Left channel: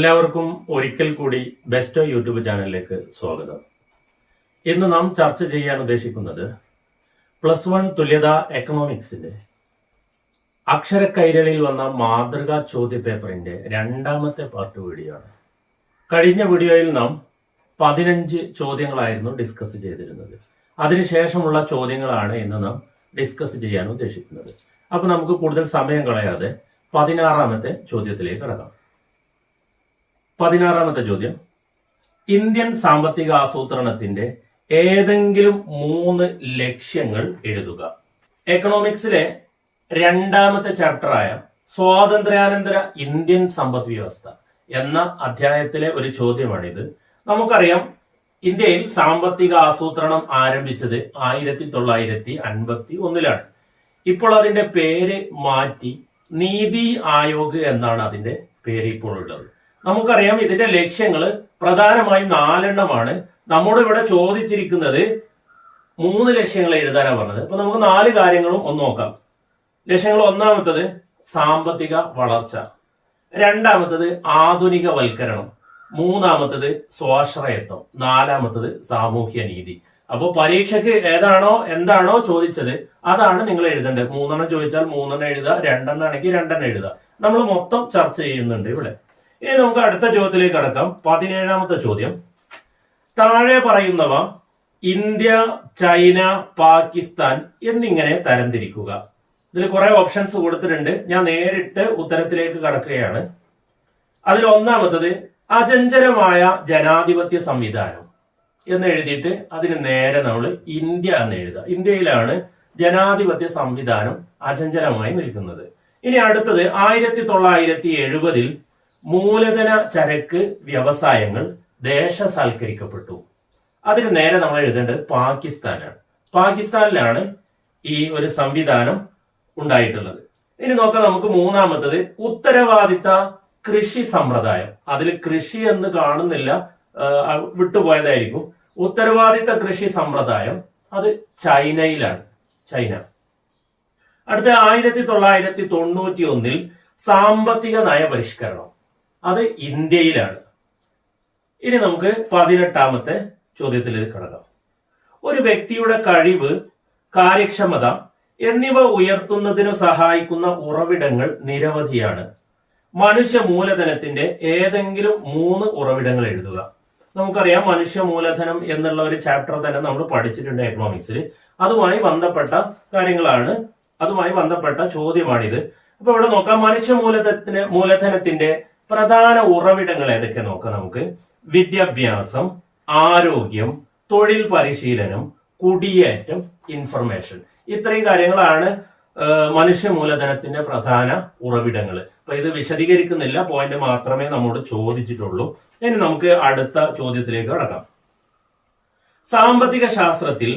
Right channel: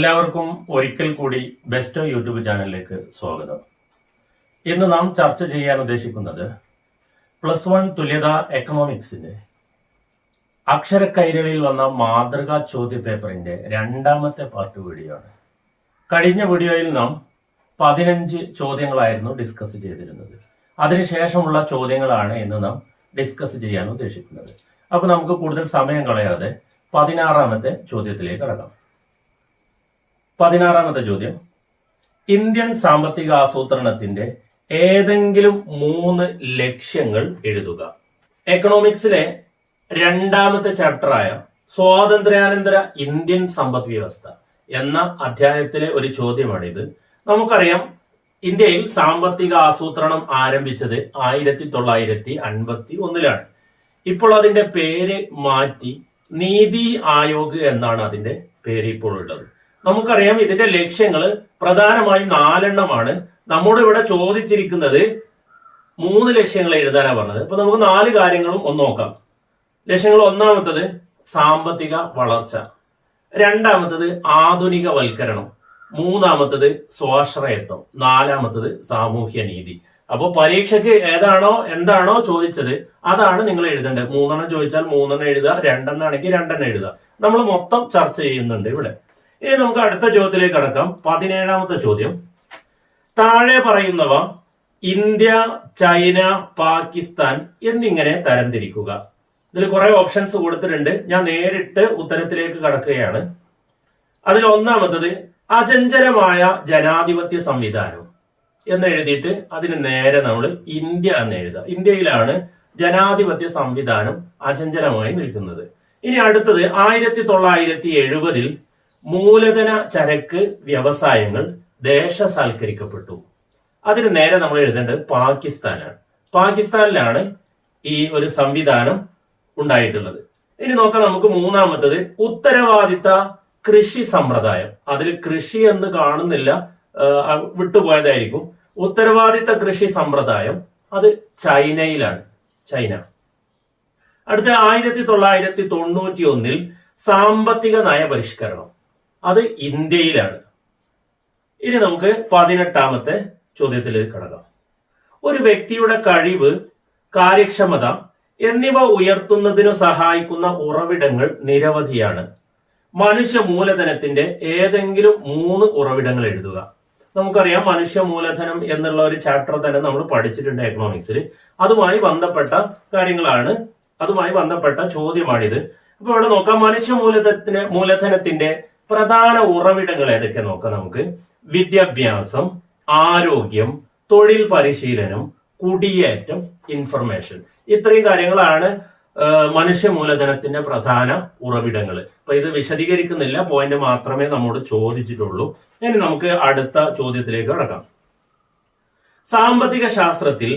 എല്ലാവർക്കും ഒരിക്കൽ കൂടി ബെസ്റ്റ് യൂട്യൂബ് ചാനലിലേക്ക് സ്വാഗതം. ഇന്ന് നാം ചർച്ച ചെയ്യാൻ ഉദ്ദേശിക്കുന്നത് പ്ലസ് വൺ തുല്യത എക്കണോമിക്സിന്റെ അക്ഷര കൈരളിൽ വന്ന മാതൃകാ ചോദ്യ പേപ്പറിന്റെ രണ്ടാമത്തെ പാർട്ട് വീഡിയോ ആണ് കഴിഞ്ഞ വീഡിയോയിൽ നാം പതിനഞ്ച് ചോദ്യങ്ങളായിരുന്നു ഡിസ്കസ് ചെയ്തിരുന്നത്. അതിനുശേഷമുള്ള ചോദ്യങ്ങളാണ് ഇന്ന് നാം ഡിസ്കസ് ചെയ്യാൻ ഉദ്ദേശിക്കുന്നത്. അപ്പൊ നമുക്ക് കൂടുതൽ സമയം കളയാതെ പതിനാറാമത്തെ ചോദ്യത്തിലേക്ക് കടക്കാം. പതിനാറാമത്തെ ചോദ്യം. ഇന്ത്യൻ സാമ്പത്തിക ആസൂത്രണത്തിന്റെ ഏതെങ്കിലും മൂന്ന് ലക്ഷ്യങ്ങൾ എഴുതുക. എക്കണോമിക്സിലെ രണ്ടാമത്തെ ചാപ്റ്ററായ സ്വാതന്ത്ര്യാനന്തര ഇന്ത്യൻ സമ്പദ് വ്യവസ്ഥ എന്ന അധ്യായത്തിലെ ഒരു ചോദ്യമാണിത്. നമുക്കറിയാം ഇന്ത്യയിൽ സാമ്പത്തിക ആസൂത്രണം ആരംഭിച്ചത് ആയിരത്തി തൊള്ളായിരത്തി അൻപത്തി ഒന്നിലാണ് ഇപ്പോൾ അതിന്റെ പേര് മാറ്റി നീതി ആയോഗ് എന്നാണ് അതിന്റെ പേര് ഇപ്പോൾ ഉള്ളത്. നമുക്കറിയാം ഇതിന്റെ ലക്ഷ്യങ്ങൾ പ്രധാനമായും നാലെണ്ണമാണ്. നമ്മോട് ഇവിടെ ചോദിച്ചിരിക്കുന്നത് മൂന്ന് ലക്ഷ്യങ്ങൾ എഴുതാനാണ് പറഞ്ഞത്. അപ്പൊ നമുക്ക് നാല് കാര്യങ്ങളും ഒന്ന് നോക്കാം. ലക്ഷ്യങ്ങൾ ഒന്നാമത്തത് സാമ്പത്തിക വളർച്ച. രണ്ടാമത്തത് ആധുനികവൽക്കരണം. മൂന്നാമത്തത് സ്വാശ്രയത്വം. നാലാമത്തത് സാമൂഹ്യ നീതി. അപ്പോൾ പരീക്ഷയ്ക്ക് ഏതാണോ എന്താണോ ചോദിച്ചത് അതാണ് നിങ്ങൾ എഴുതേണ്ടത്. മൂന്നെണ്ണം ചോദിച്ചാൽ മൂന്നെണ്ണം എഴുതുക രണ്ടെണ്ണം ആണെങ്കിൽ രണ്ടെണ്ണം എഴുതുക. നമ്മൾ മൊത്തം ചർച്ച ചെയ്യുന്നുണ്ട് ഇവിടെ. ഇനി നമുക്ക് അടുത്ത ചോദ്യത്തിലേക്ക് കടക്കാം. പതിനേഴാമത്തെ ചോദ്യം. താഴെ പറയുന്നവ ഇന്ത്യ ചൈന പാകിസ്ഥാൻ എന്നിങ്ങനെ തരംതിരിക്കുക. ഇതിൽ കുറെ ഓപ്ഷൻസ് കൊടുത്തിട്ടുണ്ട്. ഞാൻ നേരിട്ട് ഉത്തരത്തിലേക്ക് കടക്കുകയാണ്. അതിൽ ഒന്നാമത്തത് അചഞ്ചലമായ ജനാധിപത്യ സംവിധാനം എന്ന് എഴുതിയിട്ട് അതിന് നേരെ നമ്മൾ ഇന്ത്യ എന്ന് എഴുതുക ഇന്ത്യയിലാണ് ജനാധിപത്യ സംവിധാനം അചഞ്ചലമായി നിൽക്കുന്നത്. ഇനി അടുത്തത് ആയിരത്തി തൊള്ളായിരത്തി എഴുപതിൽ മൂലധന ചരക്ക് വ്യവസായങ്ങൾ ദേശസാൽക്കരിക്കപ്പെട്ടു. അതിന് നേരെ നമ്മൾ എഴുതേണ്ടത് പാകിസ്ഥാനാണ്. പാകിസ്ഥാനിലാണ് ഈ ഒരു സംവിധാനം ഉണ്ടായിട്ടുള്ളത്. ഇനി നോക്കാം നമുക്ക് മൂന്നാമത്തത് ഉത്തരവാദിത്ത കൃഷി സമ്പ്രദായം. അതിൽ കൃഷി എന്ന് കാണുന്നില്ല വിട്ടുപോയതായിരിക്കും. ഉത്തരവാദിത്ത കൃഷി സമ്പ്രദായം അത് ചൈനയിലാണ്. ചൈന. അടുത്ത ആയിരത്തി തൊള്ളായിരത്തി തൊണ്ണൂറ്റി ഒന്നിൽ സാമ്പത്തിക നയപരിഷ്കരണം. അത് ഇന്ത്യയിലാണ്. ഇനി നമുക്ക് പതിനെട്ടാമത്തെ ചോദ്യത്തിലേക്ക് കടക്കാം. ഒരു വ്യക്തിയുടെ കഴിവ് കാര്യക്ഷമത എന്നിവ ഉയർത്തുന്നതിനു സഹായിക്കുന്ന ഉറവിടങ്ങൾ നിരവധിയാണ്. മനുഷ്യ മൂലധനത്തിന്റെ ഏതെങ്കിലും മൂന്ന് ഉറവിടങ്ങൾ എഴുതുക. നമുക്കറിയാം മനുഷ്യ മൂലധനം എന്നുള്ള ഒരു ചാപ്റ്റർ തന്നെ നമ്മൾ പഠിച്ചിട്ടുണ്ട് എക്കണോമിക്സിൽ അതുമായി ബന്ധപ്പെട്ട കാര്യങ്ങളാണ് അതുമായി ബന്ധപ്പെട്ട ചോദ്യമാണിത്. അപ്പൊ ഇവിടെ നോക്കാം. മനുഷ്യ മൂലധനത്തിന് മൂലധനത്തിന്റെ പ്രധാന ഉറവിടങ്ങൾ ഏതൊക്കെ നോക്കാം നമുക്ക്? വിദ്യാഭ്യാസം ആരോഗ്യം തൊഴിൽ പരിശീലനം കുടിയേറ്റം ഇൻഫർമേഷൻ ഇത്രയും കാര്യങ്ങളാണ് മനുഷ്യ മൂലധനത്തിന്റെ പ്രധാന ഉറവിടങ്ങൾ. അപ്പൊ ഇത് വിശദീകരിക്കുന്നില്ല പോയിന്റ് മാത്രമേ നമ്മോട് ചോദിച്ചിട്ടുള്ളൂ. ഇനി നമുക്ക് അടുത്ത ചോദ്യത്തിലേക്ക് കടക്കാം. സാമ്പത്തിക ശാസ്ത്രത്തിൽ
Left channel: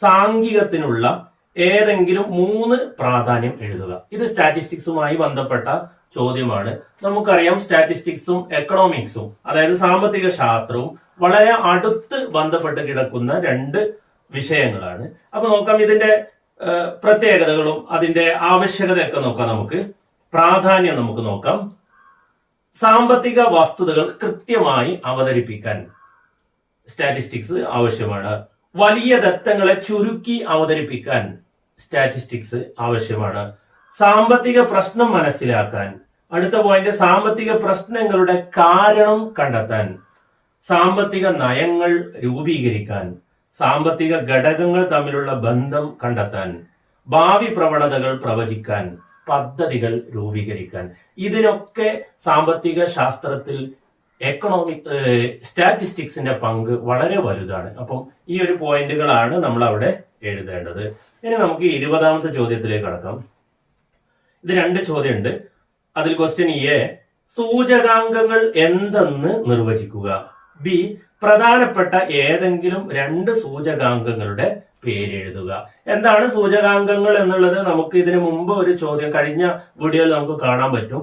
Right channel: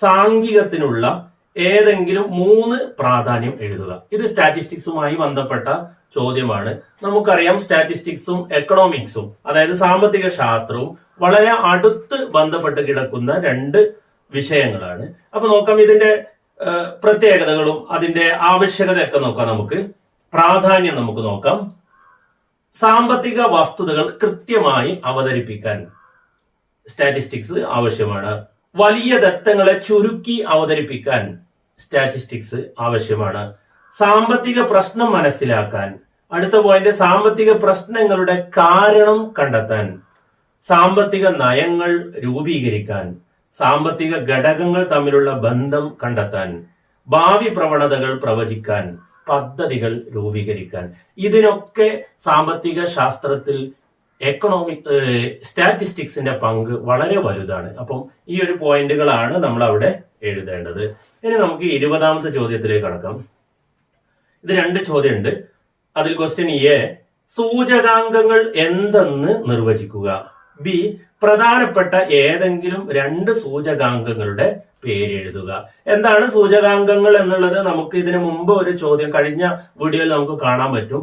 സാംഘികത്തിനുള്ള ഏതെങ്കിലും മൂന്ന് പ്രാധാന്യം എഴുതുക. ഇത് സ്റ്റാറ്റിസ്റ്റിക്സുമായി ബന്ധപ്പെട്ട ചോദ്യമാണ്. നമുക്കറിയാം സ്റ്റാറ്റിസ്റ്റിക്സും എക്കണോമിക്സും അതായത് സാമ്പത്തിക ശാസ്ത്രവും വളരെ അടുത്ത് ബന്ധപ്പെട്ട് കിടക്കുന്ന രണ്ട് വിഷയങ്ങളാണ്. അപ്പൊ നോക്കാം ഇതിന്റെ പ്രത്യേകതകളും അതിന്റെ ആവശ്യകതയൊക്കെ നോക്കാം നമുക്ക്. പ്രാധാന്യം നമുക്ക് നോക്കാം. സാമ്പത്തിക വസ്തുതകൾ കൃത്യമായി അവതരിപ്പിക്കാൻ സ്റ്റാറ്റിസ്റ്റിക്സ് ആവശ്യമാണ്. വലിയ ദത്തങ്ങളെ ചുരുക്കി അവതരിപ്പിക്കാൻ സ്റ്റാറ്റിസ്റ്റിക്സ് ആവശ്യമാണ്. സാമ്പത്തിക പ്രശ്നം മനസ്സിലാക്കാൻ. അടുത്ത പോയിന്റ് സാമ്പത്തിക പ്രശ്നങ്ങളുടെ കാരണം കണ്ടെത്താൻ. സാമ്പത്തിക നയങ്ങൾ രൂപീകരിക്കാൻ. സാമ്പത്തിക ഘടകങ്ങൾ തമ്മിലുള്ള ബന്ധം കണ്ടെത്താൻ. ഭാവി പ്രവണതകൾ പ്രവചിക്കാൻ. പദ്ധതികൾ രൂപീകരിക്കാൻ. ഇതിനൊക്കെ സാമ്പത്തിക ശാസ്ത്രത്തിൽ എക്കണോമിക് സ്റ്റാറ്റിസ്റ്റിക്സിന്റെ പങ്ക് വളരെ വലുതാണ്. അപ്പം ഈ ഒരു പോയിന്റുകളാണ് നമ്മൾ അവിടെ എഴുതേണ്ടത്. ഇനി നമുക്ക് ഇരുപതാമത്തെ ചോദ്യത്തിലേക്ക് കടക്കാം. ഇത് രണ്ട് ചോദ്യമുണ്ട്. അതിൽ ക്വസ്റ്റ്യൻ എ സൂചകാംഗങ്ങൾ എന്തെന്ന് നിർവചിക്കുക? ബി പ്രധാനപ്പെട്ട ഏതെങ്കിലും രണ്ട് സൂചകാംഗങ്ങളുടെ പേരെഴുതുക. എന്താണ് സൂചകാംഗങ്ങൾ എന്നുള്ളത്? നമുക്ക് ഇതിനു മുമ്പ് ഒരു ചോദ്യം കഴിഞ്ഞ വീഡിയോയിൽ നമുക്ക് കാണാൻ പറ്റും.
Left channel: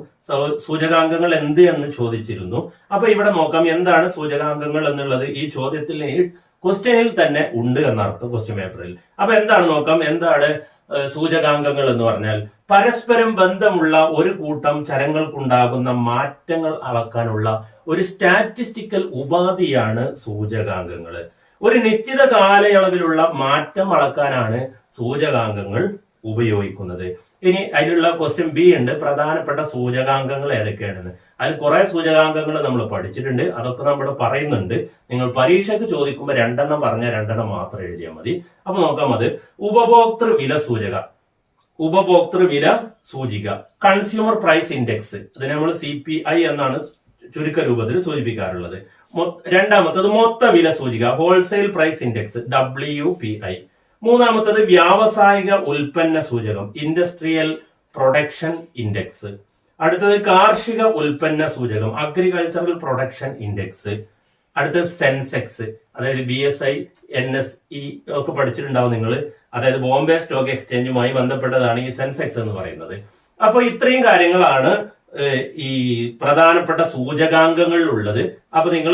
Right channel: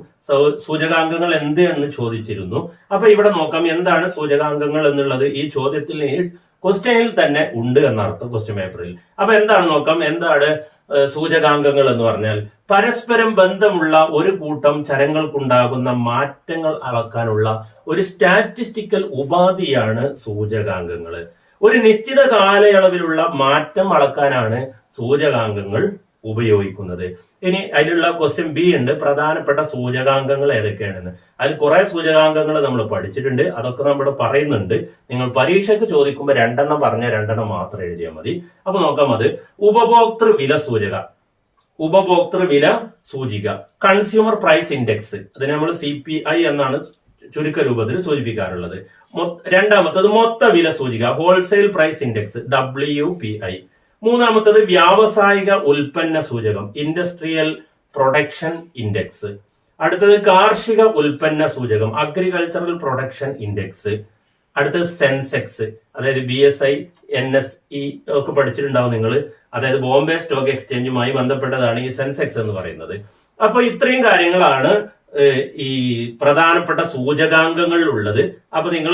സൂചകാംഗങ്ങൾ എന്ത് എന്ന് ചോദിച്ചിരുന്നു. അപ്പൊ ഇവിടെ നോക്കാം എന്താണ് സൂചകാംഗങ്ങൾ എന്നുള്ളത്? ഈ ചോദ്യത്തിൽ ക്വസ്റ്റ്യനിൽ തന്നെ ഉണ്ട് എന്നർത്ഥം ക്വസ്റ്റ്യൻ പേപ്പറിൽ അപ്പൊ എന്താണ് നോക്കാം? എന്താണ് സൂചകാംഗങ്ങൾ എന്ന് പറഞ്ഞാൽ പരസ്പരം ബന്ധമുള്ള ഒരു കൂട്ടം ചരങ്ങൾക്കുണ്ടാകുന്ന മാറ്റങ്ങൾ അളക്കാനുള്ള ഒരു സ്റ്റാറ്റിസ്റ്റിക്കൽ ഉപാധിയാണ് സൂചകാംഗങ്ങൾ. ഒരു നിശ്ചിത കാലയളവിലുള്ള മാറ്റം അളക്കാനാണ് സൂചകാംഗങ്ങൾ ഉപയോഗിക്കുന്നത്. ഇനി അതിലുള്ള ക്വസ്റ്റ്യൻ ബി ഉണ്ട്. പ്രധാനപ്പെട്ട സൂചകാംഗങ്ങൾ ഏതൊക്കെയാണെന്ന്. അതിൽ കുറെ സൂചകാംഗങ്ങൾ നമ്മൾ പഠിച്ചിട്ടുണ്ട്. അതൊക്കെ നമ്മൾ പറയുന്നുണ്ട്. നിങ്ങൾ പരീക്ഷയ്ക്ക് ചോദിക്കുമ്പോൾ രണ്ടെണ്ണം പറഞ്ഞ രണ്ടെണ്ണം മാത്രം എഴുതിയാൽ മതി. അപ്പൊ നോക്കാം അത്. ഉപഭോക്തൃ വില സൂചക. ഉപഭോക്തൃ വില സൂചിക. കൺസ്യൂമർ പ്രൈസ് ഇൻഡെക്സ് അതിനെ നമ്മൾ സി പി ഐ എന്നാണ് ചുരുക്ക രൂപത്തിൽ സൂചിപ്പിക്കാറുള്ളത്. രണ്ടാമത്തത് മൊത്ത വില സൂചിക. Wholesale price index W P I മൂന്നാമത്തത് വ്യാവസായിക ഉൽപ്പന്ന സൂചകം ഇൻഡസ്ട്രിയൽ പ്രൊഡക്ഷൻ ഇൻഡെക്സ് അടുത്തത് കാർഷിക ഉൽപ്പന്ന സൂചകം അഗ്രികൾച്ചറൽ പ്രൊഡക്ഷൻ ഇൻഡെക്സ് അടുത്തത് സെൻസെക്സ് അതായത് B S I N S E ഒക്കെ പഠിച്ചിട്ടുണ്ടാവും നിങ്ങൾ അതായത് ബോംബെ സ്റ്റോക്ക് എക്സ്ചേഞ്ചുമായി ബന്ധപ്പെട്ടതാണ് ഈ സെൻസെക്സ് എന്ന് പറയുന്നത്. അപ്പൊ ഇത്രയും കാര്യങ്ങളാണ് ഈ പ്രധാനപ്പെട്ട സൂചകാംഗങ്ങളിൽ ഉള്ളത് അപ്പൊ നിങ്ങൾ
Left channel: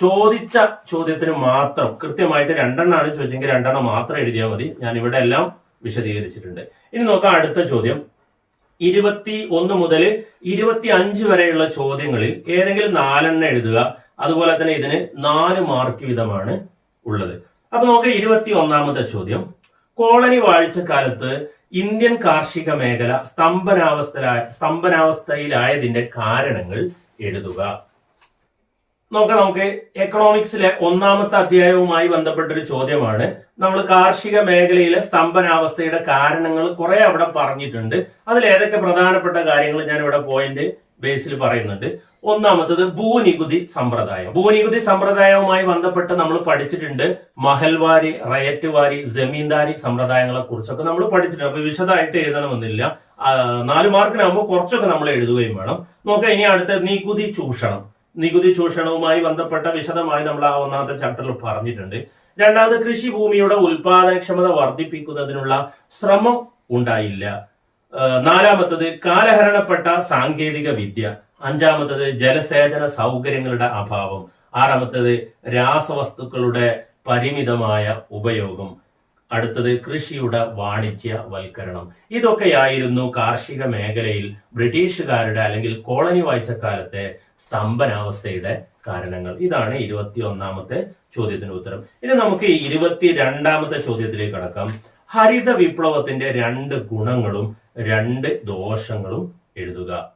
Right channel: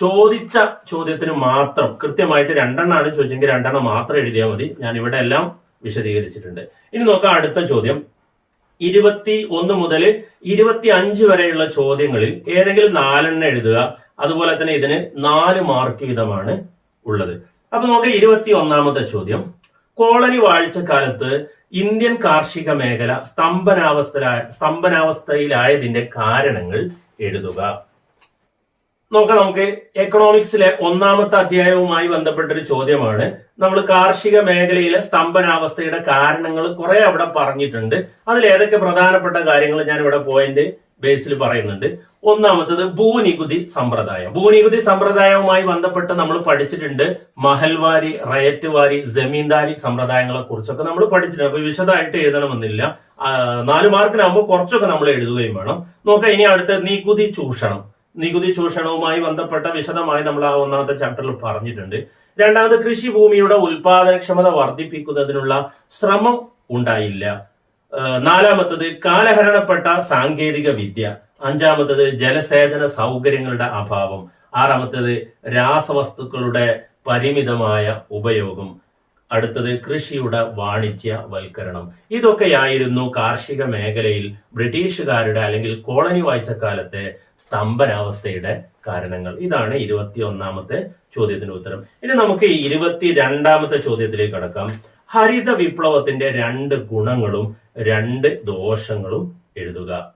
ചോദിച്ച ചോദ്യത്തിന് മാത്രം കൃത്യമായിട്ട് രണ്ടെണ്ണമാണ് ചോദിച്ചെങ്കിൽ രണ്ടെണ്ണം മാത്രം എഴുതിയാൽ മതി. ഞാൻ ഇവിടെ എല്ലാം വിശദീകരിച്ചിട്ടുണ്ട്. ഇനി നോക്കാം അടുത്ത ചോദ്യം. ഇരുപത്തി ഒന്ന് മുതൽ ഇരുപത്തി അഞ്ച് വരെയുള്ള ചോദ്യങ്ങളിൽ ഏതെങ്കിലും നാലെണ്ണം എഴുതുക. അതുപോലെ തന്നെ ഇതിന് നാല് മാർക്ക് വീതമാണ് ഉള്ളത്. അപ്പൊ നോക്കാം ഇരുപത്തി ഒന്നാമത്തെ ചോദ്യം. കോളനി വാഴ്ച വാഴ്ചക്കാലത്ത് ഇന്ത്യൻ കാർഷിക മേഖല സ്തംഭനാവസ്ഥ സ്തംഭനാവസ്ഥയിലായതിന്റെ കാരണങ്ങൾ എഴുതുക. നോക്കാം നമുക്ക് എക്കണോമിക്സിലെ ഒന്നാമത്തെ അധ്യായവുമായി ബന്ധപ്പെട്ട ഒരു ചോദ്യമാണ്. നമ്മൾ കാർഷിക മേഖലയിലെ സ്തംഭനാവസ്ഥയുടെ കാരണങ്ങൾ കുറെ അവിടെ പറഞ്ഞിട്ടുണ്ട്. അതിൽ ഏതൊക്കെ പ്രധാനപ്പെട്ട കാര്യങ്ങൾ ഞാൻ ഇവിടെ പോയിന്റ് ബേസിൽ പറയുന്നുണ്ട്. ഒന്നാമത്തത് ഭൂനികുതി സമ്പ്രദായം. ഭൂനികുതി സമ്പ്രദായവുമായി ബന്ധപ്പെട്ട് നമ്മൾ പഠിച്ചിട്ടുണ്ട് മഹൽവാരി റയറ്റ് വാരി ജമീന്ദാരി സമ്പ്രദായങ്ങളെ കുറിച്ചൊക്കെ നമ്മൾ പഠിച്ചിട്ടുണ്ട്. അപ്പൊ വിശദമായിട്ട് എഴുതണമെന്നില്ല. നാല് മാർക്കിനാകുമ്പോൾ കുറച്ചൊക്കെ നമ്മൾ എഴുതുകയും വേണം. നോക്കാം ഇനി അടുത്ത നികുതി ചൂഷണം. നികുതി ചൂഷണവുമായി ബന്ധപ്പെട്ട വിശദമായി നമ്മൾ ആ ഒന്നാമത്തെ ചാപ്റ്ററിൽ പറഞ്ഞിട്ടുണ്ട്. രണ്ടാമത് കൃഷിഭൂമിയുടെ ഉൽപാദനക്ഷമത വർദ്ധിപ്പിക്കുന്നതിനുള്ള ശ്രമം ഉണ്ടായില്ല. നാലാമത്തത് കാലഹരണപ്പെട്ട സാങ്കേതിക വിദ്യ. അഞ്ചാമത്തത് ജലസേചന സൗകര്യങ്ങളുടെ അഭാവം. ആറാമത്തത് രാസവസ്തുക്കളുടെ പരിമിതമായ ഉപയോഗം. അടുത്തത് കൃഷിയുടെ വാണിജ്യവൽക്കരണം. ഇതൊക്കെയായിരുന്നു കാർഷിക മേഖലയിൽ ബ്രിട്ടീഷുകാരുടെ അല്ലെങ്കിൽ കോളനി വാഴ്ചക്കാലത്തെ സ്തംഭനാവസ്ഥയുടെ കാരണങ്ങൾ. ഇതാണ് ഇരുപത്തി ഒന്നാമത്തെ ചോദ്യത്തിന് ഉത്തരം. ഇനി നമുക്ക് ഇരുപത്തി രണ്ടാമത്തെ ചോദ്യത്തിലേക്ക് കടക്കാം. ഹരിത വിപ്ലവത്തിന്റെ രണ്ട് ഗുണങ്ങളും രണ്ട് ദോഷങ്ങളും എഴുതുക.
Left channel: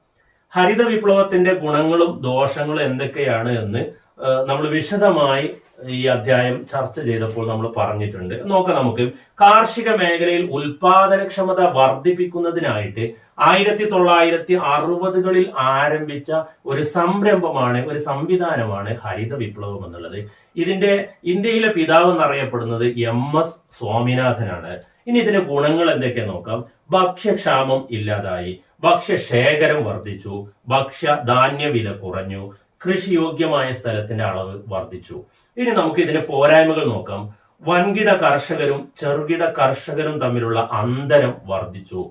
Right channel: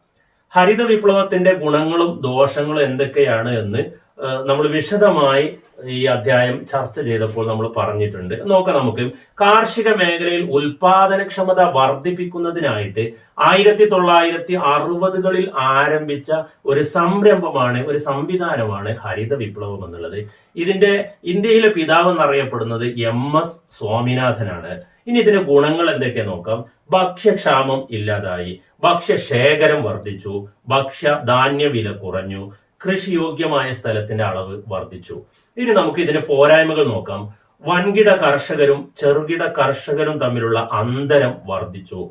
ഹരിത വിപ്ലവത്തിന്റെ ഗുണങ്ങളും ദോഷങ്ങളും എന്തൊക്കെയാണ് എന്ന് നമ്മൾ വിശദമായി ഈ അധ്യായം ചർച്ച ചെയ്തപ്പോൾ നമ്മൾ പറഞ്ഞിട്ടുണ്ട്. നോക്കാം നമുക്ക്. കാർഷിക മേഖലയിൽ ഉൽപാദനക്ഷമത വർദ്ധിപ്പിക്കുന്നതിനായിട്ട് ആയിരത്തി തൊള്ളായിരത്തി അറുപതുകളിൽ ആരംഭിച്ച ഒരു സംരംഭമാണ് ഒരു സംവിധാനമാണ് ഹരിത വിപ്ലവം എന്നുള്ളത്. ഇതിന്റെ ഇന്ത്യയിലെ പിതാവ് എന്നറിയപ്പെടുന്നത് എം എസ് സ്വാമിനാഥനാണ്. ഇനി ഇതിന്റെ ഗുണങ്ങൾ എന്തൊക്കെ നോക്കാം. ഭക്ഷ്യക്ഷാമം ഇല്ലാതായി ഭക്ഷ്യശേഖരം വർദ്ധിച്ചു ഭക്ഷ്യ ധാന്യ വില കുറഞ്ഞു കൃഷിയോഗ്യമായ സ്ഥലത്തിന്റെ അളവ് വർദ്ധിച്ചു. ഇനി നമുക്ക് ഇതിന്റെ പോരായ്മകൾ നോക്കാം. വൻകിട കർഷകരും ചെറുകിട കർഷകരും തമ്മിലുള്ള അന്തരം വർദ്ധിച്ചു.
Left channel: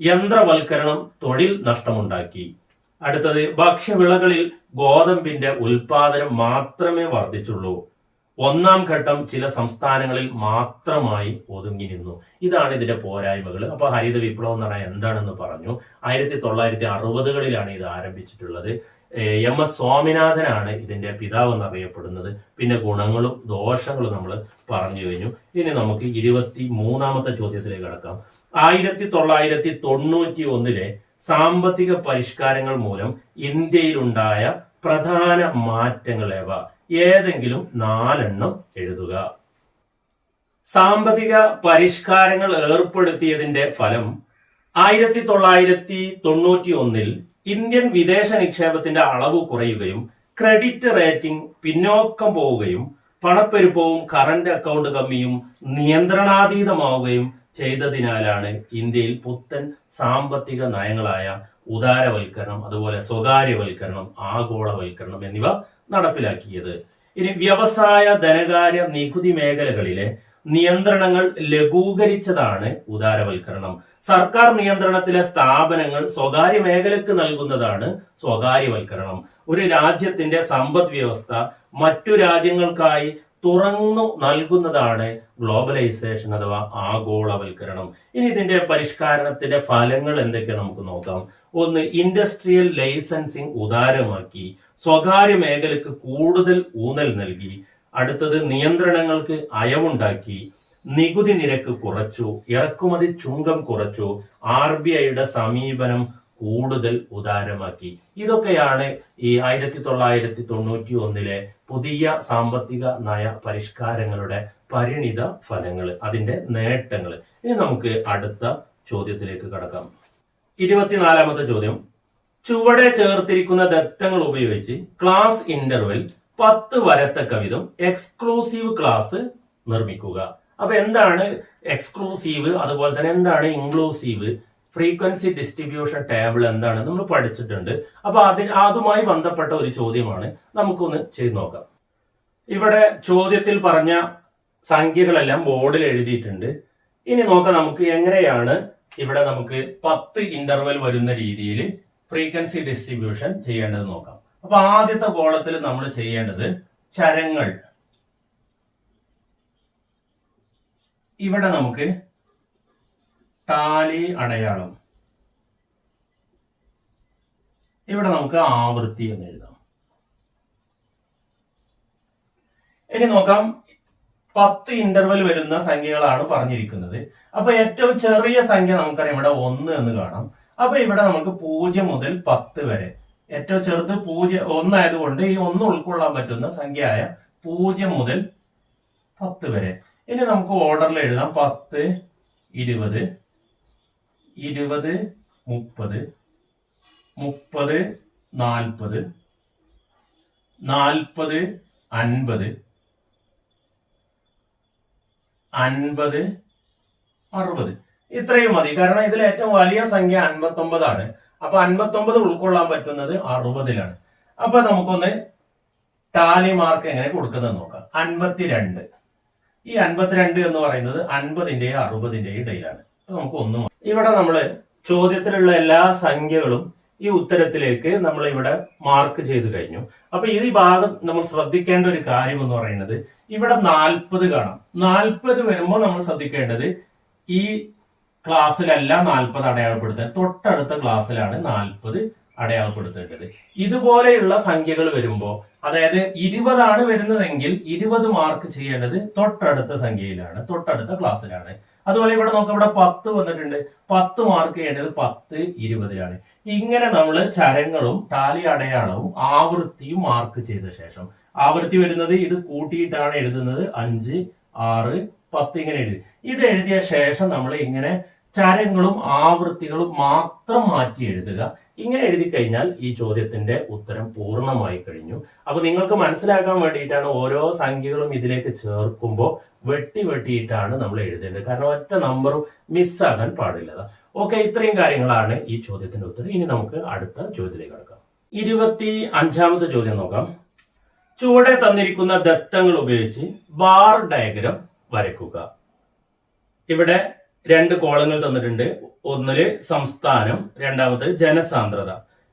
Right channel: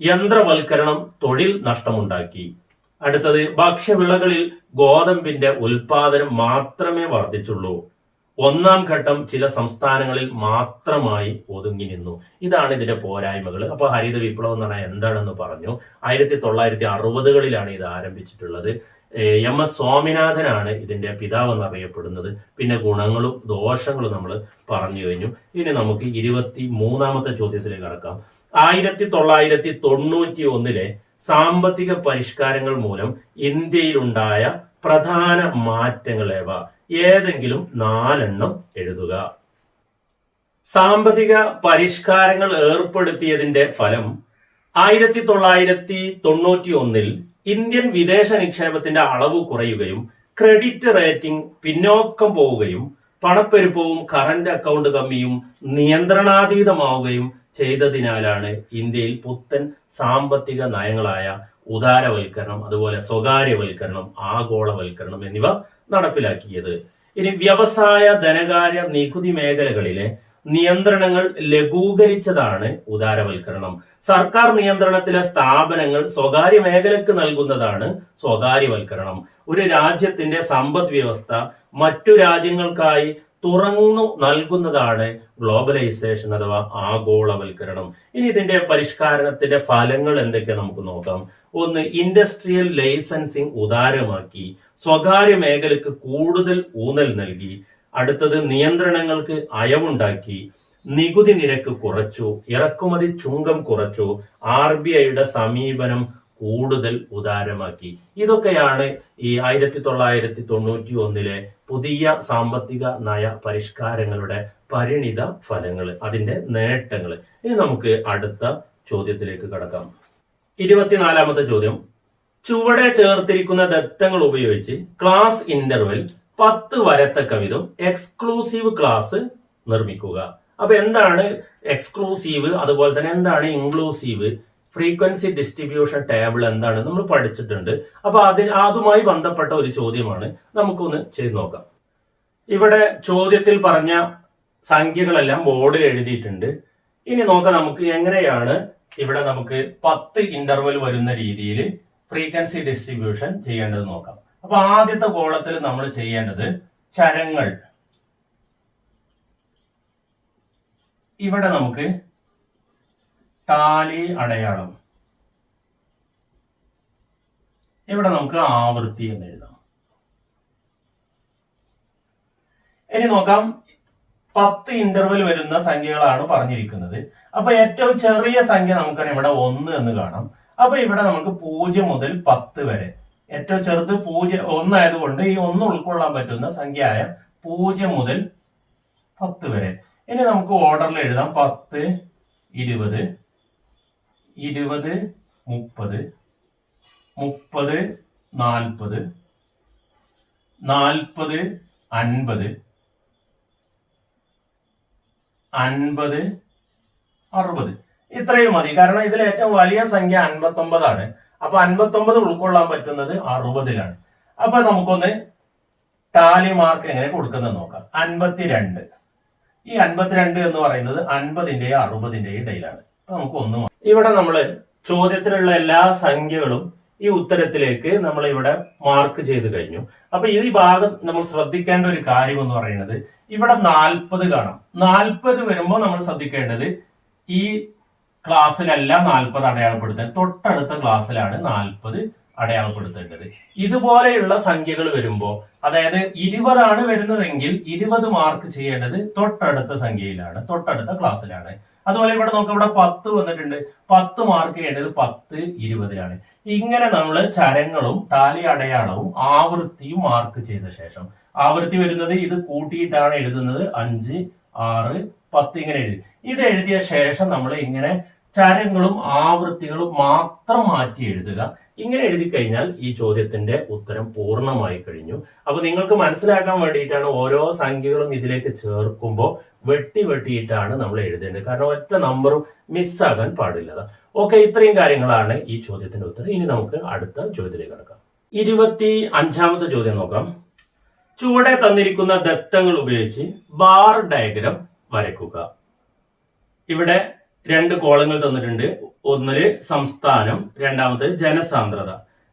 യന്ത്രവൽക്കരണം തൊഴിൽ നഷ്ടമുണ്ടാക്കി. അടുത്തത് ഭക്ഷ്യവിളകളിൽ ഗോതമ്പിന്റെ ഉൽപാദനം മാത്രമേ വർദ്ധിച്ചുള്ളൂ. ഒന്നാം ഘട്ടം ചില സംസ്ഥാനങ്ങളിൽ മാത്രമായി ഒതുങ്ങി നിന്നു. ഇതാണ് ഇതിന്റെ പോരായ്മകൾ. അപ്പൊ ഹരിത വിപ്ലവം എന്ന് പറഞ്ഞാൽ എന്താണെന്ന് പറഞ്ഞു? ആയിരത്തി തൊള്ളായിരത്തി അറുപതുകളിലാണ് ഇത് ആരംഭിച്ചിട്ടുള്ളത്. എം എസ് സ്വാമിനാഥനാണ് ഇതിന്റെ പിതാവ് എന്നറിയപ്പെടുന്നത് പിന്നെ ഗുണങ്ങളും ദോഷങ്ങളും നമ്മൾ പറഞ്ഞു കഴിഞ്ഞു. ഇനി നമുക്ക് ഇരുപത്തി മൂന്നാമത്തെ ചോദ്യത്തിലേക്ക് കടക്കാം. ആയിരത്തി തൊള്ളായിരത്തി തൊണ്ണൂറ്റി ഒന്നിലെ സാമ്പത്തിക പരിഷ്കാരങ്ങൾ മൂലം ഇന്ത്യയിലുണ്ടായ പ്രധാന മാറ്റങ്ങൾ ഏവ? ഏതെങ്കിലും നാലെണ്ണം എഴുതുക. സാമ്പത്തിക പരിഷ്കാരങ്ങൾ ഏർപ്പെടുത്തിയതിന്റെ ഫലം ആയിരത്തി തൊള്ളായിരത്തി തൊണ്ണൂറ്റി ഒന്നിൽ ഇന്ത്യൻ വിദേശ നിക്ഷേപത്തിന്റെ അളവ് കുറയുകയും ക്രെഡിറ്റ് റേറ്റിംഗ് പിന്നോക്കം പോവുകയും പണപ്പെരുപ്പവും കറന്റ് അക്കൗണ്ട് കമ്മിയും നിയന്ത്രണാതീതമാവുകയും ചെയ്തതിനാലാണ് ഇന്ത്യയിൽ പുത്തൻ സാമ്പത്തിക നയങ്ങളായ ഉദാരവൽക്കരണം അതുപോലെ സ്വകാര്യവൽക്കരണം ആഗോളവൽക്കരണം എന്നിവ നടപ്പിലാക്കിയത്. ഇനി വ്യവസായ ധനകാര്യ നികുതി മേഖലകളിലെ നിയന്ത്രണങ്ങൾ ലഘൂകരിച്ചതാണ് ഉദാരവൽക്കരണം. സർക്കാർ നിയന്ത്രണത്തിലെ സ്ഥാപനങ്ങൾ സ്വകാര്യ മേഖലക്ക് നൽകുന്നതാണ് സ്വകാര്യവൽക്കരണം. ഒരു രാജ്യത്തിന്റെ സമ്പദ് വ്യവസ്ഥ മറ്റു രാജ്യങ്ങൾക്കായി തുറന്നു നൽകുന്നതാണ് ഗ്ലോബലൈസേഷൻ അഥവാ ആഗോളവൽക്കരണം. ഇനി ഇതിന്റെ പരിഷ്കരണത്തിന്റെ ഫലങ്ങൾ എന്തൊക്കെ നമുക്ക് നോക്കാം. ഒന്ന് ഇൻഡസ്ട്രിയൽ ലൈസൻസിംഗ് ഉദാരമാക്കി സ്വകാര്യ മേഖലയ്ക്ക് കൂടുതൽ ഊന്നൽ നൽകി. അടുത്തത് നിയന്ത്രണങ്ങൾക്ക് അയവുണ്ടാക്കി നികുതി നിരക്ക് കുറച്ചു ഇറക്കുമതി ചുങ്കം കുറച്ചു ആർ ബി ഐയുടെ സമീപനം കൂടുതൽ ഉദാരമാക്കി. ഇതൊക്കെയാണ് ഈ ആയിരത്തി തൊള്ളായിരത്തി തൊണ്ണൂറ്റി ഒന്നിലെ പുതിയ സാമ്പത്തിക നയ പരിഷ്കാരങ്ങളുടെ പരിണിത ഫലങ്ങൾ അതിന്റെ നേട്ടങ്ങൾ. ഇനി നമുക്ക് അടുത്ത ചോദ്യത്തിലേക്ക് കടക്കാം. ഇരുപത്തിനാലാമത്തെ ചോദ്യം. ചുവടെ ചേർത്തിരിക്കുന്ന ദത്തങ്ങൾ ഉപയോഗിച്ച് ക്ലാസ് ഇന്റർവെൽ പത്ത് വരത്ത വിധം എക്സ്ക്ലൂസീവ് ക്ലാസ് നിർമ്മിക്കുക. അപ്പൊ എന്താണ് എക്സ്ക്ലൂസീവ് അതുപോലെ തന്നെ എന്താണ് ഇൻക്ലൂസീവ് ഫ്രീക്വൻസി ഡിസ്ട്രിബ്യൂഷൻ ടേബിൾ എന്താണ് നമ്മൾ പഠിച്ചിട്ടുണ്ട്. അപ്പൊ അതിന് അതുമായി ബന്ധപ്പെട്ട ഒരു ചോദ്യമാണ്. നമുക്കൊന്ന് ചെയ്തു നോക്കാം. ഇവിടെ ചോദ്യത്തിൽ പറഞ്ഞ സംഖ്യകളെല്ലാം ബോർഡിൽ എഴുതിയിട്ടുണ്ട്. ഇനി നോക്കാം നമുക്ക് എങ്ങനെയാണ് ഇവിടെ നമുക്ക് പത്ത് ഇന്റർവെൽ വരുന്ന രീതിയിൽ ഫ്രീക്വൻസി ഡിസ്ട്രിബ്യൂഷൻ ചെയ്യേണ്ടത് നോക്കാം. അപ്പൊ ആദ്യത്തെ കോളത്തിൽ നമ്മൾ ചെയ്യേണ്ടത് ചരങ്ങൾ. ഇവിടെ നമുക്ക് ടാലി അടയാളം. ഇവിടെ നമുക്ക് ആവൃത്തി എന്ന് എഴുതാം. ഇനി നോക്കാം. പത്ത് ഇന്റർവൽ വരുന്ന സംഖ്യകളാണ് പറഞ്ഞിരിക്കുന്നത്. അപ്പൊ ഏറ്റവും ചെറിയ സംഖ്യ നമുക്കറിയാം ഇവിടെ ഒന്ന് എന്ന് കാണാം. അപ്പൊ ഇവിടെ നമുക്ക് പൂജ്യം മുതൽ പത്ത് വരെ. ഏറ്റവും ചെറുത് പൂജ്യം ഒന്നായതുകൊണ്ട് ഈ ഒന്ന് ഉൾക്കൊള്ളാൻ പറ്റുന്ന സംഖ്യയായ പൂജ്യം മുതൽ പത്ത് വരെ. ഇനി നമുക്ക് ഓർഡറിൽ എഴുതാം. പത്ത് ഇരുപത് ഇരുപത് മുപ്പത് മുപ്പത് നാൽപ്പത് നാൽപ്പത് അൻപത് അൻപത് അറുപത്. ഇത്രയും മതി. കാരണം ഇതിൽ ഏറ്റവും വലിയ സംഖ്യ അൻപത്തി ഒമ്പതാണ് അപ്പൊ അൻപത്തി ഒമ്പത് ഉൾക്കൊള്ളാൻ പറ്റുന്നത് അറുപതിലാണ്. അപ്പൊ നമുക്കൊന്ന് ടാലി മാർക്ക് എങ്ങനെ കൊടുക്കുന്നത് നോക്കാം. അൻപത്തിരണ്ട്. ഈ അൻപത്തിരണ്ട് എന്ന് പറയുന്നത് അൻപതിന്റെയും അറുപതിന്റെയും ഇടയിലാണ്. അപ്പൊ നമുക്ക് ഒന്ന് ഇവിടെ നമ്മൾ ചോദ്യത്തിലുള്ള എല്ലാ സംഖ്യകളും ഈ ഉത്തരത്തിലേക്ക് നമ്മൾ ഇവിടെ മാർക്ക് ചെയ്ത് കഴിഞ്ഞു. അപ്പൊ ഈ ഭാഗം നമ്മൾ ശ്രദ്ധിക്കേണ്ട ഒരു കാര്യം എന്ന് പറയുന്നത് ഇവിടെ നാൽപ്പത് കാണാം. നാൽപ്പത് വരുമ്പോൾ നമ്മൾ ശ്രദ്ധിക്കേണ്ടത് ഈ ക്ലാസ്സിലല്ല നാൽപ്പത് അടയാളപ്പെടുത്തുന്നത് തൊട്ടടുത്ത ക്ലാസ്സിലാണ് നാൽപ്പത് അടയാളപ്പെടുത്തേണ്ടത്. ഇതുപോലെയുള്ള സംഖ്യകൾ വരുമ്പോൾ അതായത് ഇരുപതാണ് വരുന്നതെങ്കിൽ ഇരുപത് മാർക്ക് ചെയ്യേണ്ടത് തൊട്ടടുത്ത സംഖ്യയിലാണ് തൊട്ടടുത്ത ക്ലാസ്സിലാണ്. അതുപോലെ ഇവിടെ നോക്കാം ഇവിടെ പത്ത് വന്നിട്ടുണ്ട്. പത്ത് മാർക്ക് ചെയ്യേണ്ടത് പത്ത് ഇരുപതിലാണ്. ഇങ്ങനെ നമ്മൾ ചരങ്ങളും ടാലി അടയാളവും ആവൃത്തിയും മാർക്ക് ചെയ്ത ശേഷം ആവൃത്തി വരുന്നത് ഇത് കൂട്ടിയിട്ടാണ് എഴുതുന്നത്. അഞ്ച് ആറ് പത്ത് ഇങ്ങനെ എഴുതി. ഇത് എഴുതിയ ശേഷം നമ്മൾ ഇങ്ങനെ ചരങ്ങളും ആവൃത്തികളും മാത്രം മാറ്റി എഴുതുക. ഇങ്ങനെ എഴുതി കഴിഞ്ഞാൽ ഈ ചോദ്യത്തിന്റെ ഉത്തരം പൂർണമായി കഴിഞ്ഞു. അപ്പൊ നിങ്ങൾക്ക് മനസ്സിലാക്കാൻ വേണ്ടിയിട്ടാണ് ഓരോ സംഖ്യകളും ഇതിലേക്ക് ചേർക്കുമ്പോൾ വെട്ടി വെട്ടിയിട്ടാണ് നമ്മൾ എഴുതേണ്ടത്. കാരണം ഒറ്റ നമ്പറും മിസ്സാകാൻ പാടില്ല. ഓക്കെ ഇത്രയും കാര്യങ്ങളാണ് ഈ ചോദ്യത്തിന്റെ ഉത്തരം. ഇനി നമുക്ക് അടുത്ത ചോദ്യത്തിലേക്ക് കടക്കാം. ഇരുപത്തി അഞ്ചാമത്തെ ചോദ്യം നോക്കാം. ചുവടെ തന്നിരിക്കുന്ന ദത്തങ്ങൾ ഉപയോഗിച്ച് ബാർ ഡയഗ്രം വരയ്ക്കുക. ഇവിടെ രണ്ട് കോളങ്ങൾ തന്നിട്ടുണ്ട്. ഒന്നിൽ സംസ്ഥാനം രണ്ടാമത് ജനസാന്ദ്രത.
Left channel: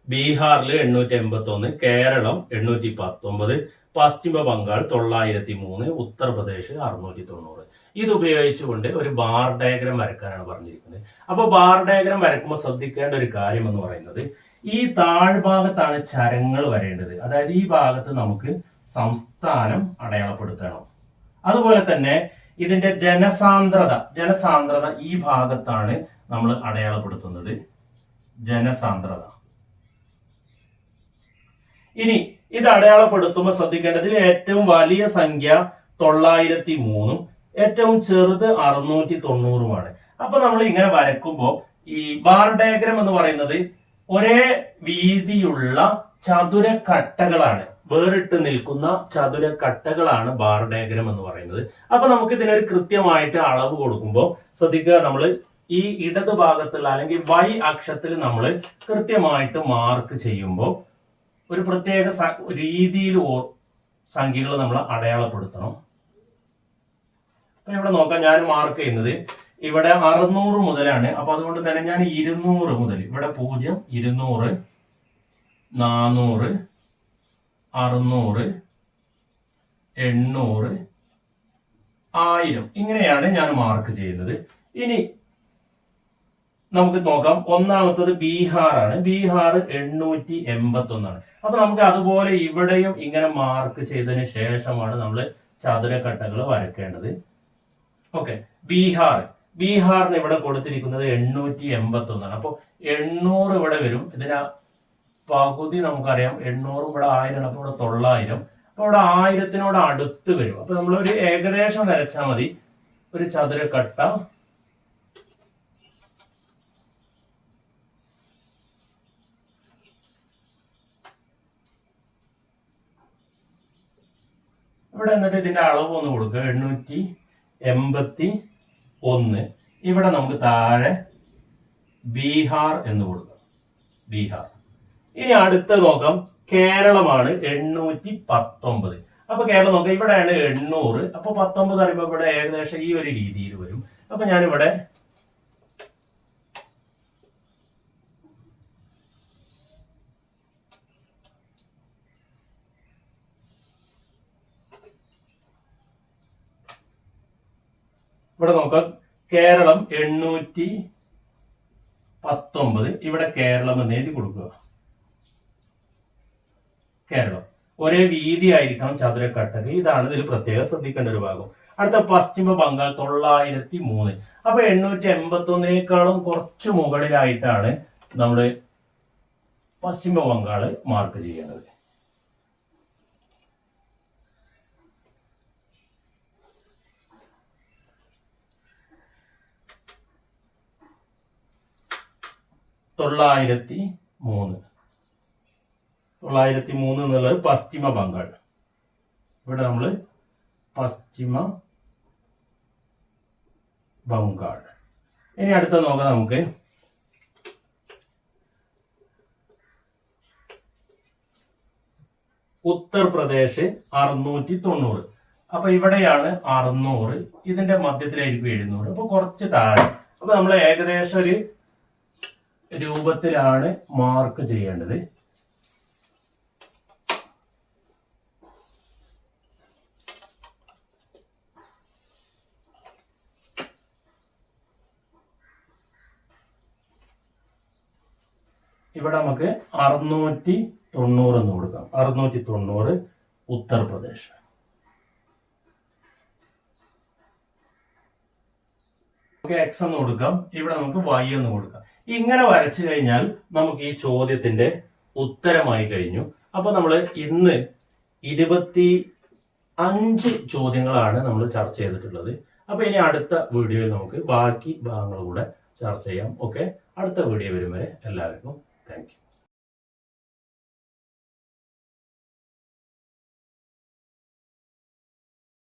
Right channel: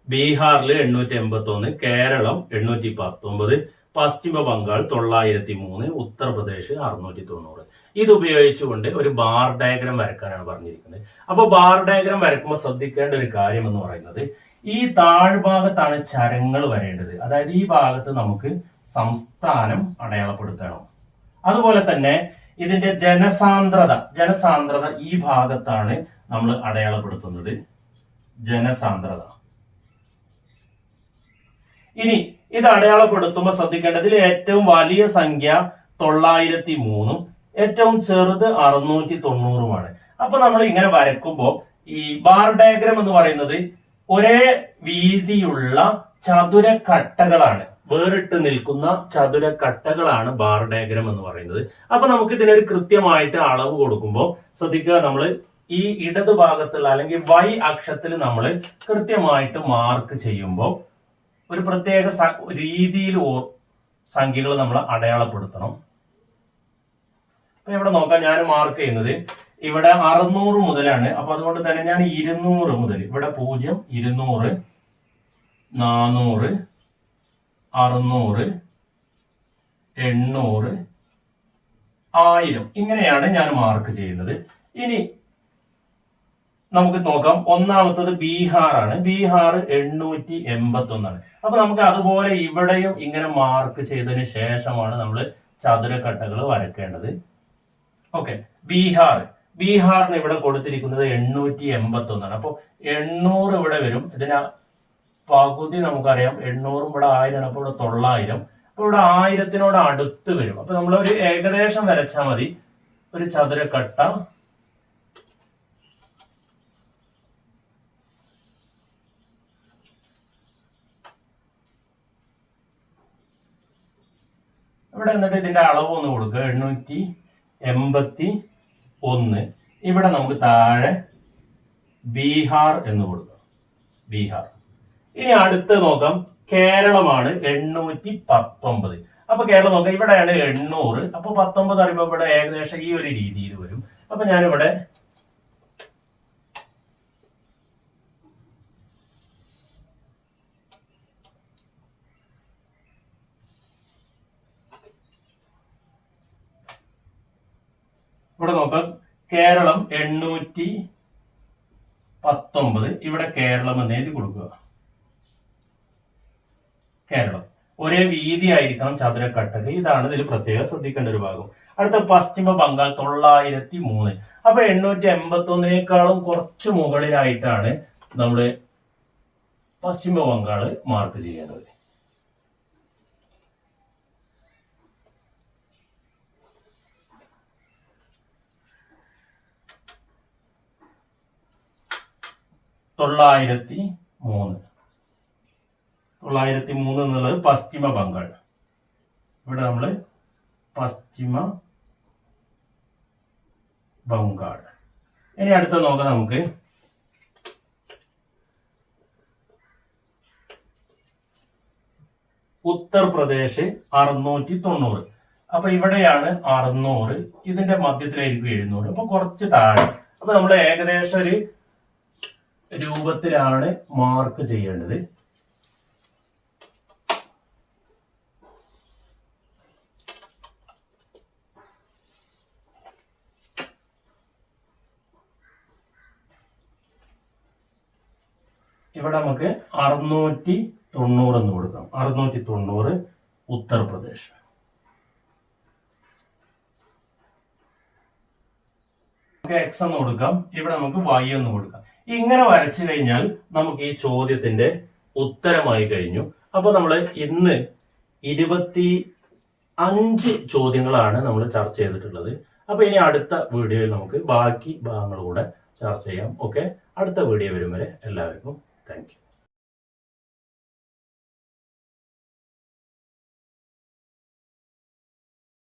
ബീഹാറിൽ എണ്ണൂറ്റി എൺപത്തി ഒന്ന് കേരളം എണ്ണൂറ്റി പത്തൊമ്പത് പശ്ചിമ ബംഗാൾ തൊള്ളായിരത്തി മൂന്ന് ഉത്തർപ്രദേശ് അറുന്നൂറ്റി തൊണ്ണൂറ് ഇത് ഉപയോഗിച്ചുകൊണ്ട് ഒരു ബാർ ഡയഗ്രം വരക്കാനാണ് പറഞ്ഞിരിക്കുന്നത്. അപ്പോൾ ബാർ ഡയഗ്രം വരക്കുമ്പോൾ ശ്രദ്ധിക്കേണ്ട ഒരു കാര്യം എന്ന് പറയുന്നത് ഈ താഴ്ഭാഗത്താണ് ചരങ്ങൾ വരേണ്ടത്. അതായത് ഈ ഭാഗത്ത് നമുക്ക് സംസ്ഥാനം അടയാളപ്പെടുത്തണം. അതുപോലെ തന്നെ ഇതിന്റെ ജനസാന്ദ്രത ജനസാന്ദ്രത ഈ ഭാഗത്താണ് നമ്മൾ അടയാളപ്പെടുത്തുന്നത്. ജനസാന്ദ്രത. ഇനി ഇത് അടയാളപ്പെടുത്തുമ്പോൾ ശ്രദ്ധിക്കേണ്ടതിൽ ഏറ്റവും വലിയ സംഖ്യ തൊള്ളായിരത്തി മൂന്നും ഏറ്റവും ചെറുത് അറുന്നൂറ്റി തൊണ്ണൂറുമാണ് അപ്പൊ നമ്മൾ ഇങ്ങനെ വരക്കുമ്പോൾ ഈ ബാർ ഡയഗ്രം എന്ന് പറയുന്നത് ഒരേ വീതിയുള്ള ചതുരക്കട്ടകളാണ്. വേറിട്ട് നിൽക്കുന്ന ചതുരക്കട്ടകളാണ് ബാർ ഡയഗ്രം എന്ന് പറയുന്നത്. അപ്പൊ നമുക്ക് ഇതിനൊരു കൃത്യമായിട്ട് അളവ് കൊടുക്കുമ്പോൾ ശ്രദ്ധിക്കുക നമ്മൾ ഈ ഇടത് ഭാഗത്തുള്ള അല്ലെങ്കിൽ വൈ അക്ഷത്തിൽ നമ്മൾ കൃത്യമായിട്ട് മാർക്ക് ചെയ്യുമ്പോൾ ഒരു പ്രത്യേക രീതിയിൽ സംഖ്യകൾ നമ്മൾ അടയാളപ്പെടുത്തണം. അപ്പൊ ഇവിടെ നോക്കാം ഞാൻ മാർക്ക് ചെയ്യുന്നത് ഇവിടെ അറുന്നൂറ് മുതലാണ്. അപ്പൊ അതുകൊണ്ട് തന്നെ ഞാൻ ഇരുന്നൂറ് മുതൽ ഇവിടെ പൂജ്യം ഇരുന്നൂറ് നാനൂറ് അറുന്നൂറ് എണ്ണൂറ് ആയിരം. ഇങ്ങനെയാണ് ഞാൻ മാർക്ക് ചെയ്യുന്നത്. ഇനി നമുക്ക് നോക്കാം. ഒന്നാമത്തത് ബീഹാറാണ്. ബീഹാർ എണ്ണൂറ്റി എൺപത്തി ഒന്നാണ് അപ്പൊ നമുക്ക് അതുപോലെ ഇവിടെയും ഇങ്ങനെ മാർക്ക് ചെയ്തതിന് ശേഷമാണ് നമ്മൾ ചതുരക്കട്ടകൾ വരയ്ക്കേണ്ടത്. ഓക്കെ ബീഹാർ. ബീഹാറിന് ഇവിടെ കൊടുത്തിരിക്കുന്നത് എണ്ണൂറ്റി എൺപത്തി ഒന്നാണ് അപ്പോൾ എണ്ണൂറ് ഇവിടെ വരും. ഇതിന് പകുതി നമുക്കറിയാം. എണ്ണൂറും ഇവിടെ ആയിരം അപ്പോൾ ഇവിടെ തൊള്ളായിരം. അപ്പൊ ഇവിടെ ആയിരത്തിനോട് അടുത്ത് വരും. അപ്പൊ നമ്മൾ ഒരു ഏകദേശം വരച്ചാൽ മതി. ഒരു ചതുരക്കട്ട. ഇവിടെ എന്നിട്ട് ഇതിന്റെ അളവ് ഒന്ന് കൊടുക്കുക. എണ്ണൂറ്റി എൺപത്തി ഒന്ന്. ഇവിടെ നമുക്ക് താഴെ ബീഹാർ എന്ന് കൊടുക്കാം. ബീഹാർ. ഇനി അടുത്ത് നോക്കാം. കേരളമാണ് എണ്ണൂറ്റി പത്തൊമ്പത് അപ്പൊ കേരളം നോക്കാം. ഇവിടെയാണ് എണ്ണൂറ്. അപ്പൊ പത്തൊമ്പത് അറിയുമ്പോൾ ഇവിടെ ഏകദേശം ഈ ഒരു രീതിയിൽ വരും. അപ്പൊ ഞാനിവിടെ ഇവിടെ നോക്കാം. കേരളം എണ്ണൂറ്റി പത്തൊമ്പത് ഇവിടെ കേരളം എന്ന് എഴുതി കൊടുക്കുക. കേരളം. ഒരേ വീതി ആയിരിക്കണം ചതുരക്കട്ടക്ക്. ഇതാണ് ഇതിൽ പ്രത്യേകം ശ്രദ്ധിക്കേണ്ട ഒരു ഭാഗം. അടുത്ത പശ്ചിമ ബംഗാൾ തൊള്ളായിരത്തി മൂന്ന് അപ്പൊ എണ്ണൂറ്റി എൺപത്തി ഒന്നിനേക്കാളും കുറച്ച് മുകളിലായിട്ടാണ് നമ്മൾ പശ്ചിമ ബംഗാൾ മാർക്ക് ചെയ്യേണ്ടത്. തൊള്ളായിരത്തി മൂന്ന് തൊള്ളായിരത്തി മൂന്ന് എന്നുള്ളത് പശ്ചിമ ബംഗാൾ ഇവിടെ നമ്മൾ പശ്ചിമ ബംഗാൾ ഇനി അടുത്ത നോക്കാം നമുക്ക്. ഉത്തർപ്രദേശ് അറുന്നൂറ്റി തൊണ്ണൂറ് അപ്പൊ ഇവിടെയാണ് അറുന്നൂറ്. ഇതിന്റെ മധ്യത്തിലായിരിക്കും എഴുന്നൂറ്. അപ്പൊ കുറച്ച് താഴെ. അപ്പൊ നമ്മൾ ഏകദേശം ഒരു രൂപത്തിലാണ് മാർക്ക് ചെയ്യേണ്ടത് ഇവിടെ നമുക്ക് അറുന്നൂറ്റി തൊണ്ണൂറ് എന്ന് കൊടുക്കാം. അറുന്നൂറ്റി തൊണ്ണൂറ് ഉത്തർപ്രദേശ്. നമുക്ക് എക്സ് എന്ന് കൊടുക്കാം. ഇവിടെ നമുക്ക് വൈ എന്ന് കൊടുക്കാം. ഇങ്ങനെ വരച്ചു കഴിഞ്ഞാൽ നമുക്ക് ഈ ചോദ്യത്തിന്റെ ഉത്തരമായി കഴിഞ്ഞു. അപ്പൊ നമ്മൾ ഇന്ന് ഇരുപത്തി അഞ്ച് ചോദ്യങ്ങളാണ് നമ്മൾ ചർച്ച ചെയ്തിട്ടുള്ളത്. അപ്പൊ ഇനി അടുത്ത വീഡിയോയിൽ നമുക്ക് ബാക്കി ഭാഗങ്ങൾ കൂടെ ചർച്ച ചെയ്യാം. ഓക്കെ അടുത്ത വീഡിയോ വരും വരെ എല്ലാവർക്കും താങ്ക്